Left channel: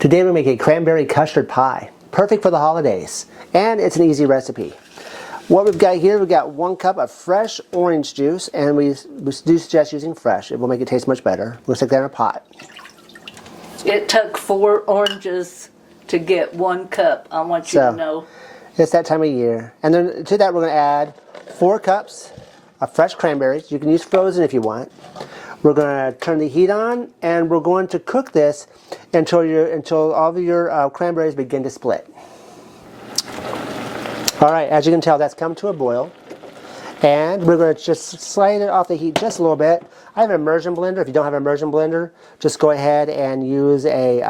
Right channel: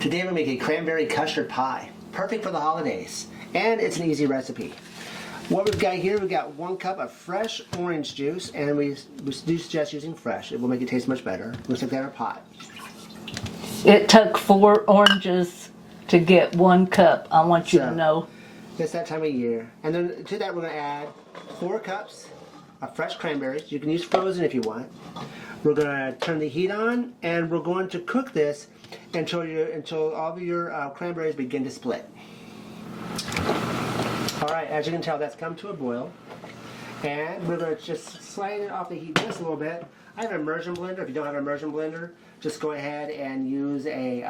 Today we're making a cranberry custard pie. Perfect for the holidays. And it's an easy recipe. What we've got here, we've got 1 cup of fresh orange juice, and we do suggest using fresh. It will make it taste much better. We'll stick that in a pot. It took 4 oranges to get 1 cup. I want you to know. It's that time of year. And then to that we're going to add 4 cups of fresh cranberries. You can use frozen if you want. We're going to turn the heat on, and we're going to cook this until all of your cranberries begin to split. All right, as you can tell, that's come to a boil. And we're going to just slide it off the heat just a little bit. I have an immersion blender. If you don't have an immersion blender, just go ahead and use a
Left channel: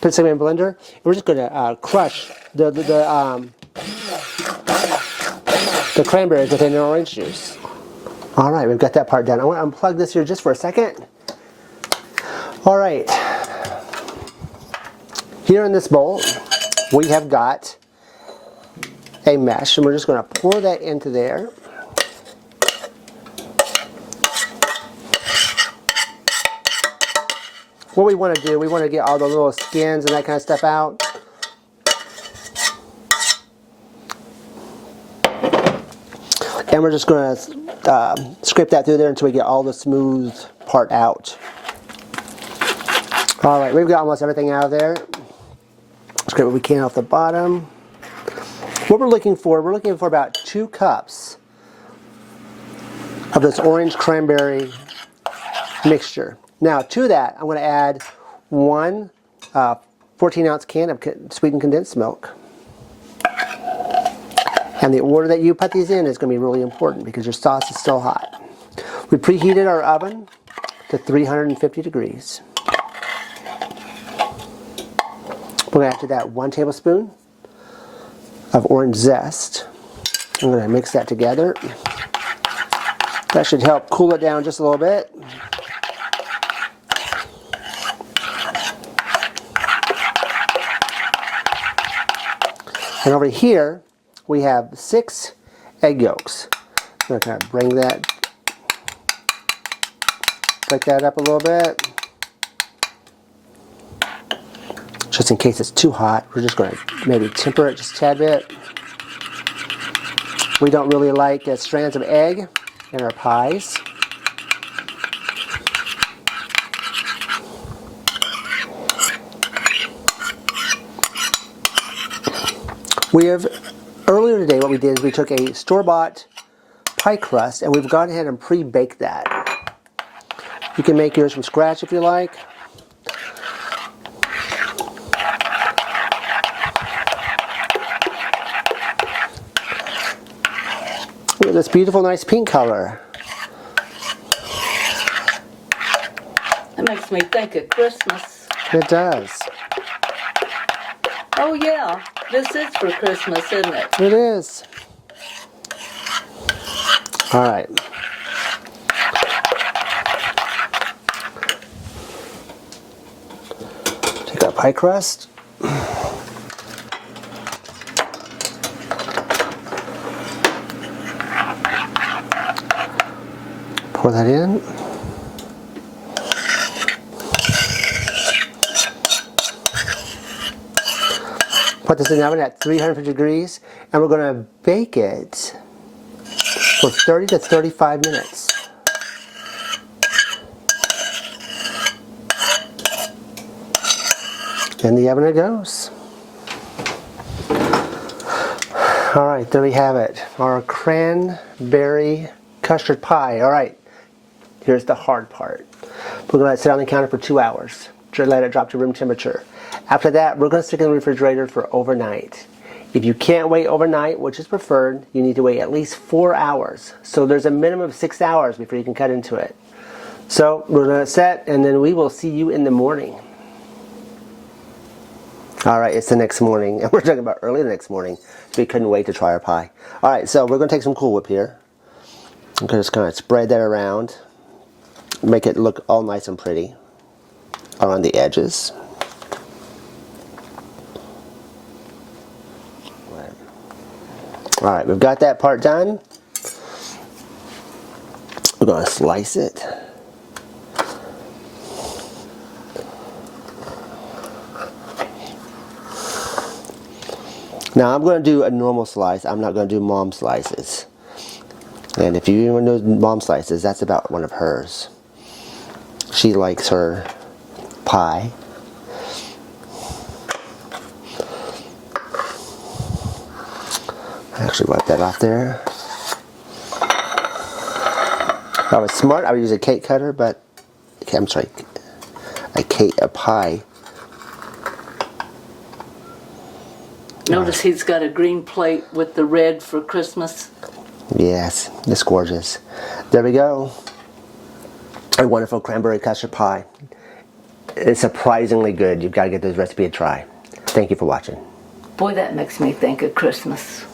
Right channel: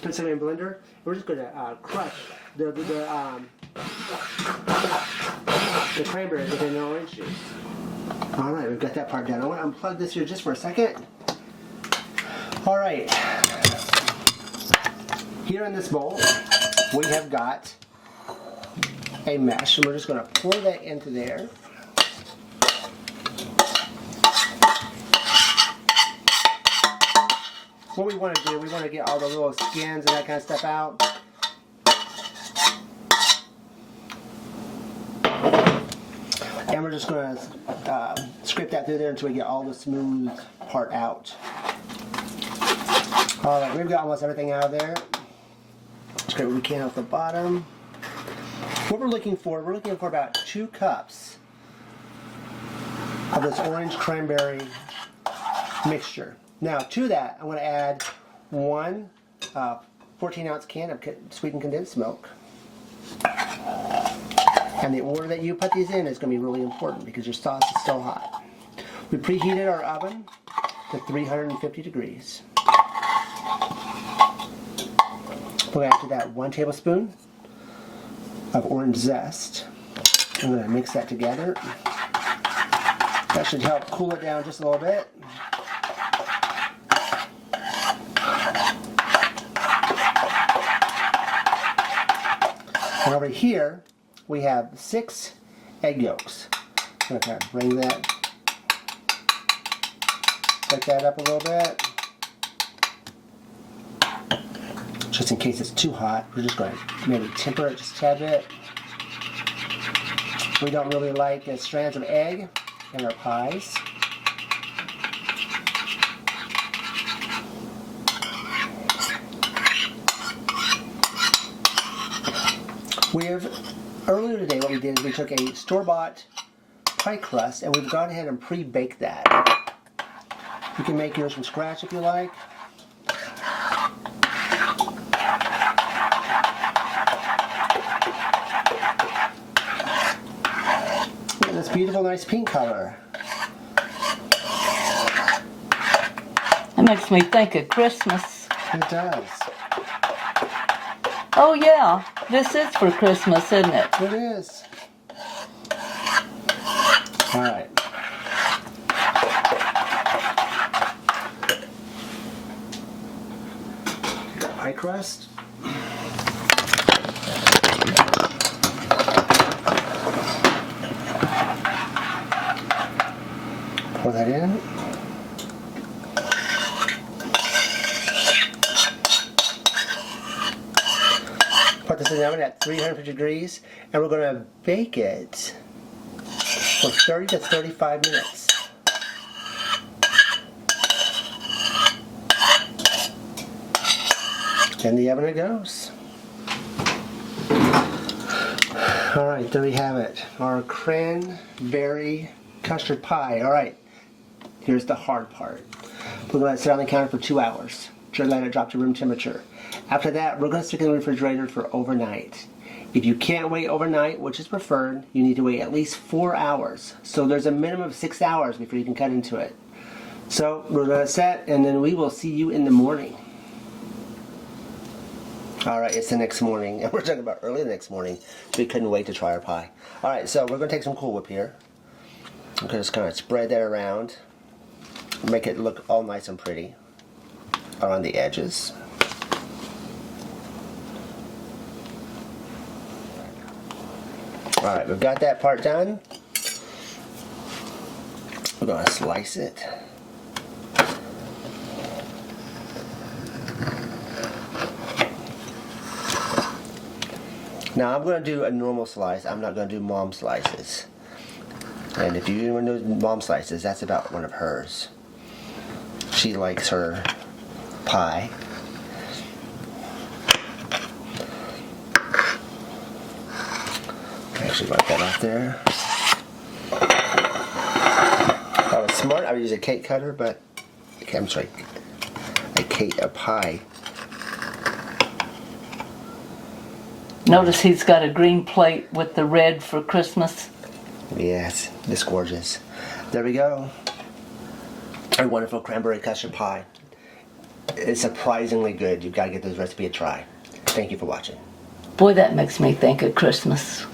put something in a blender. We're just going to crush the cranberries within the orange juice. All right, we've got that part done. I want to unplug this here just for a second. All right. Here in this bowl, we have got a mesh, and we're just going to pour that into there. What we want to do, we want to get all the little skins and that kind of stuff out. And we're just going to scrape that through there until we get all the smooth part out. All right, we've got almost everything out of there. Scrape what we can off the bottom. What we're looking for about 2 cups of this orange cranberry mixture. Now to that, I'm going to add 1 14-ounce can of sweetened condensed milk. And the order that you put these in is going to be really important because your sauce is still hot. We preheated our oven to 350 degrees. We're going to add to that 1 tablespoon of orange zest. I'm going to mix that together. That should help cool it down just a little bit. And over here, we have 6 egg yolks. I'm going to kind of break that up a little bit. Just in case it's too hot, we're just going to maybe temper it just a tad bit. We don't really like strands of egg in our pies. Earlier today, what we did is we took a store-bought pie crust and we've gone ahead and pre-baked that. You can make yours from scratch if you like. Look at this beautiful, nice pink color. That makes me think of Christmas. It does. Oh yeah, this is for Christmas, isn't it? It is. All right. Take our pie crust. Pour that in. Put this in the oven at 350 degrees, and we're going to bake it for 30 to 35 minutes. In the oven it goes. All right, there we have it. Our cranberry custard pie. All right, here's the hard part. We're going to let it sit on the counter for 2 hours. Let it drop to room temperature. After that, we're going to stick it in the refrigerator for overnight. If you can't wait overnight, which is preferred, you need to wait at least 4 hours. So there's a minimum of 6 hours before you can cut into it. So we're going to set, and then we will see you in the morning. All right, it's the next morning, and we're talking about early the next morning, so we couldn't wait to try our pie. All right, so we're going to take some Cool Whip here. I'm going to just kind of spread that around, make it look all nice and pretty around the edges. All right, we've got that part done. We're going to slice it. Now I'm going to do a normal slice. I'm not going to do mom slices. And if you want to do mom slices, that's about one of hers. She likes her pie. Actually wipe that off there. If I was smart, I would use a cake cutter, but I'm sorry, a pie. Notice he's got a green plate with the red for Christmas. Yes, it's gorgeous. There we go. A wonderful cranberry custard pie. It's surprisingly good. You've got to give this recipe a try. Thank you for watching. Boy, that makes me think of Christmas.